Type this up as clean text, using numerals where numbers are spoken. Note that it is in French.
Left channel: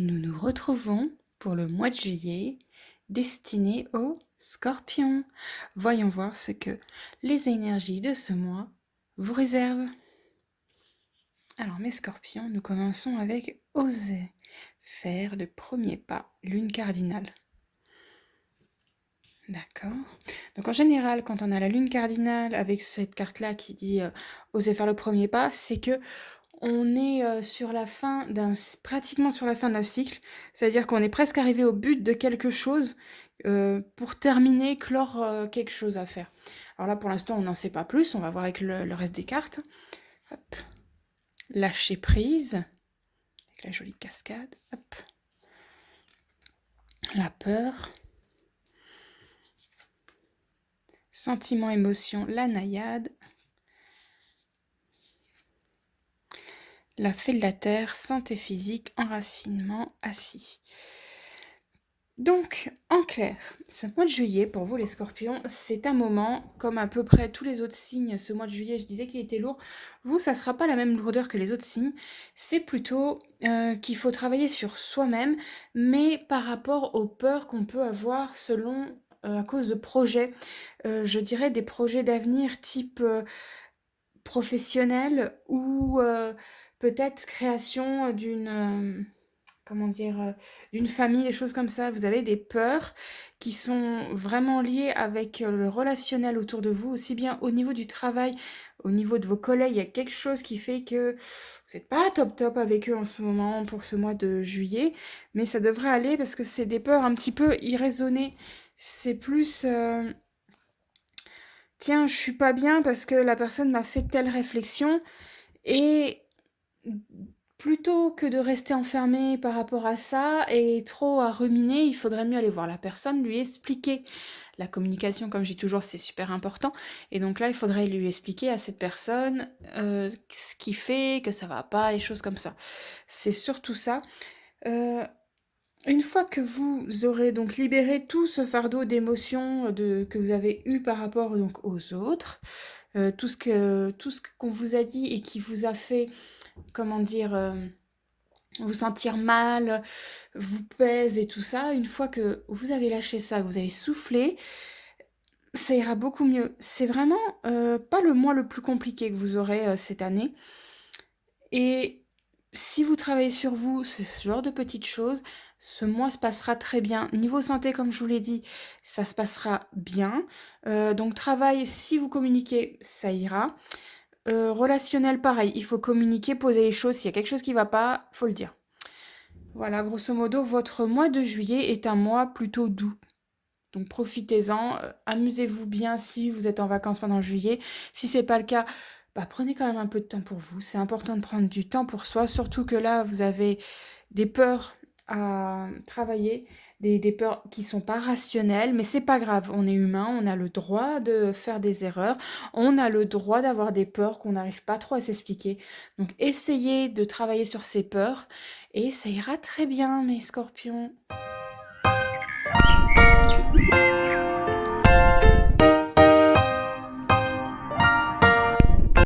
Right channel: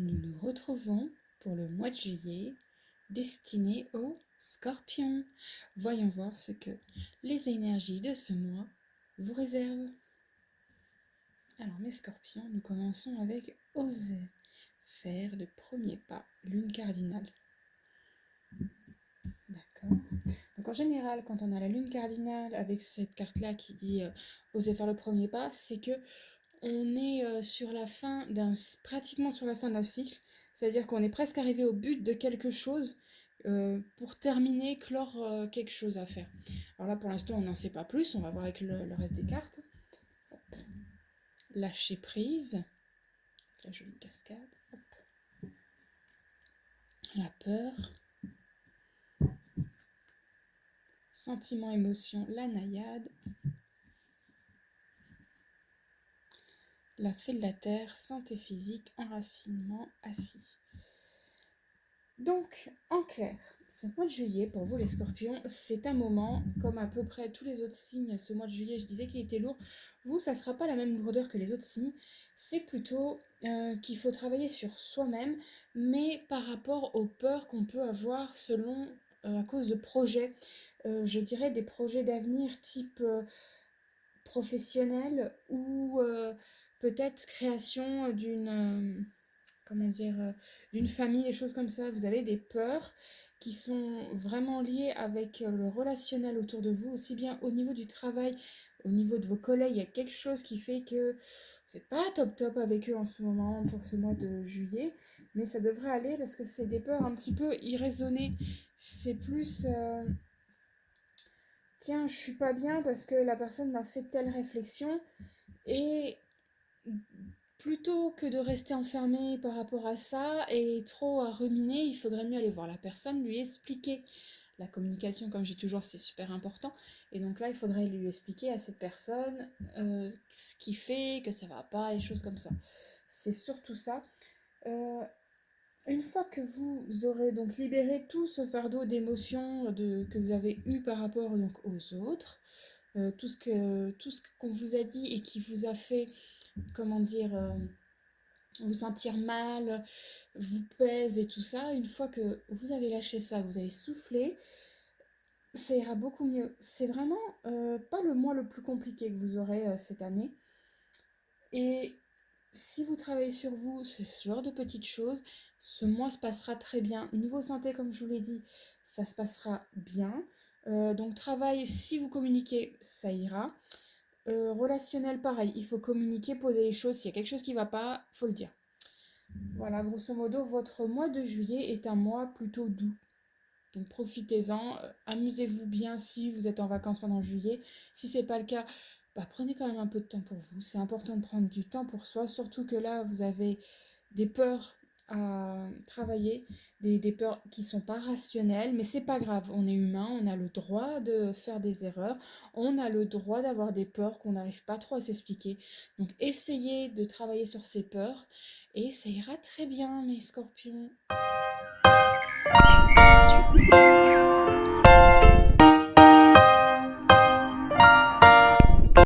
Nous nous retrouvons pour le mois de juillet destiné aux scorpions. Voyons voir ce que les énergies de ce mois vous réservent. Alors mes scorpions, nous commençons avec oser faire le premier pas, lune cardinale. D'accord. Donc en général, quand on a la lune cardinale avec cette carte-là qui dit oser faire le premier pas, c'est que on est sur la fin pratiquement sur la fin d'un cycle, c'est-à-dire qu'on est presque arrivé au but de quelque chose pour terminer, clore quelque chose à faire. Alors là, pour l'instant, on n'en sait pas plus, on va voir avec le reste des cartes. Hop. Lâcher prise, avec la jolie cascade. Hop. La peur. Sentiment, émotion, la naïade. La fée de la terre, santé physique, enracinement, assis. Donc, en clair, ce mois de juillet, pour vous les scorpions, c'est un moment, comme à peu près tous les autres signes, ce mois de juillet, je disais qu'il était lourd. Vous, ça ne sera pas la même lourdeur que les autres signes. C'est plutôt qu'il faut travailler sur soi-même, mais par rapport aux peurs qu'on peut avoir selon, à cause de projets. Je dirais des projets d'avenir type professionnel ou peut-être création comment dire, d'une famille, des choses comme ça. Vous avez des peurs qui sont vraiment liées avec le relationnel autour de vous, aussi bien au niveau du travail, au niveau de vos collègues. Il y a quelque chose qui fait que vous n'êtes pas top top avec eux en ce moment pour ce mois de juillet, mais ça devrait aller parce que c'est des peurs un petit peu irraisonnées. C'est plus tiens, je suis pas bien parce que la personne m'a fait telle réflexion et plutôt que de rester enfermé par rapport à ça et trop à ruminer, il faudrait mieux aller voir la personne, lui expliquer. La communication, comme je dis toujours, c'est super important. Et donc là, il faudrait lui expliquer à cette personne ce qui fait que ça va pas, les choses comme ça. C'est surtout ça. Une fois que vous aurez donc libéré tout ce fardeau d'émotions que vous avez eu par rapport donc aux autres, tout ce qu'on vous a dit et qui vous a fait, comment dire, vous sentir mal, vous pèse et tout ça, une fois que vous avez lâché ça, que vous avez soufflé, ça ira beaucoup mieux. C'est vraiment pas le mois le plus compliqué que vous aurez cette année. Et si vous travaillez sur vous, ce genre de petites choses, ce mois se passera très bien. Niveau santé, comme je vous l'ai dit, ça se passera bien. Donc travail, si vous communiquez, ça ira. Relationnel, pareil, il faut communiquer, poser les choses. S'il y a quelque chose qui ne va pas, faut le dire. Voilà, grosso modo, votre mois de juillet est un mois plutôt doux. Donc profitez-en, amusez-vous bien si vous êtes en vacances pendant juillet. Si c'est pas le cas, bah, prenez quand même un peu de temps pour vous. C'est important de prendre du temps pour soi, surtout que là, vous avez des peurs à travailler, des peurs qui sont pas rationnelles, mais c'est pas grave, on est humain, on a le droit de faire des erreurs, on a le droit d'avoir des peurs qu'on n'arrive pas trop à s'expliquer. Donc essayez de travailler sur ces peurs et ça ira très bien, mes scorpions.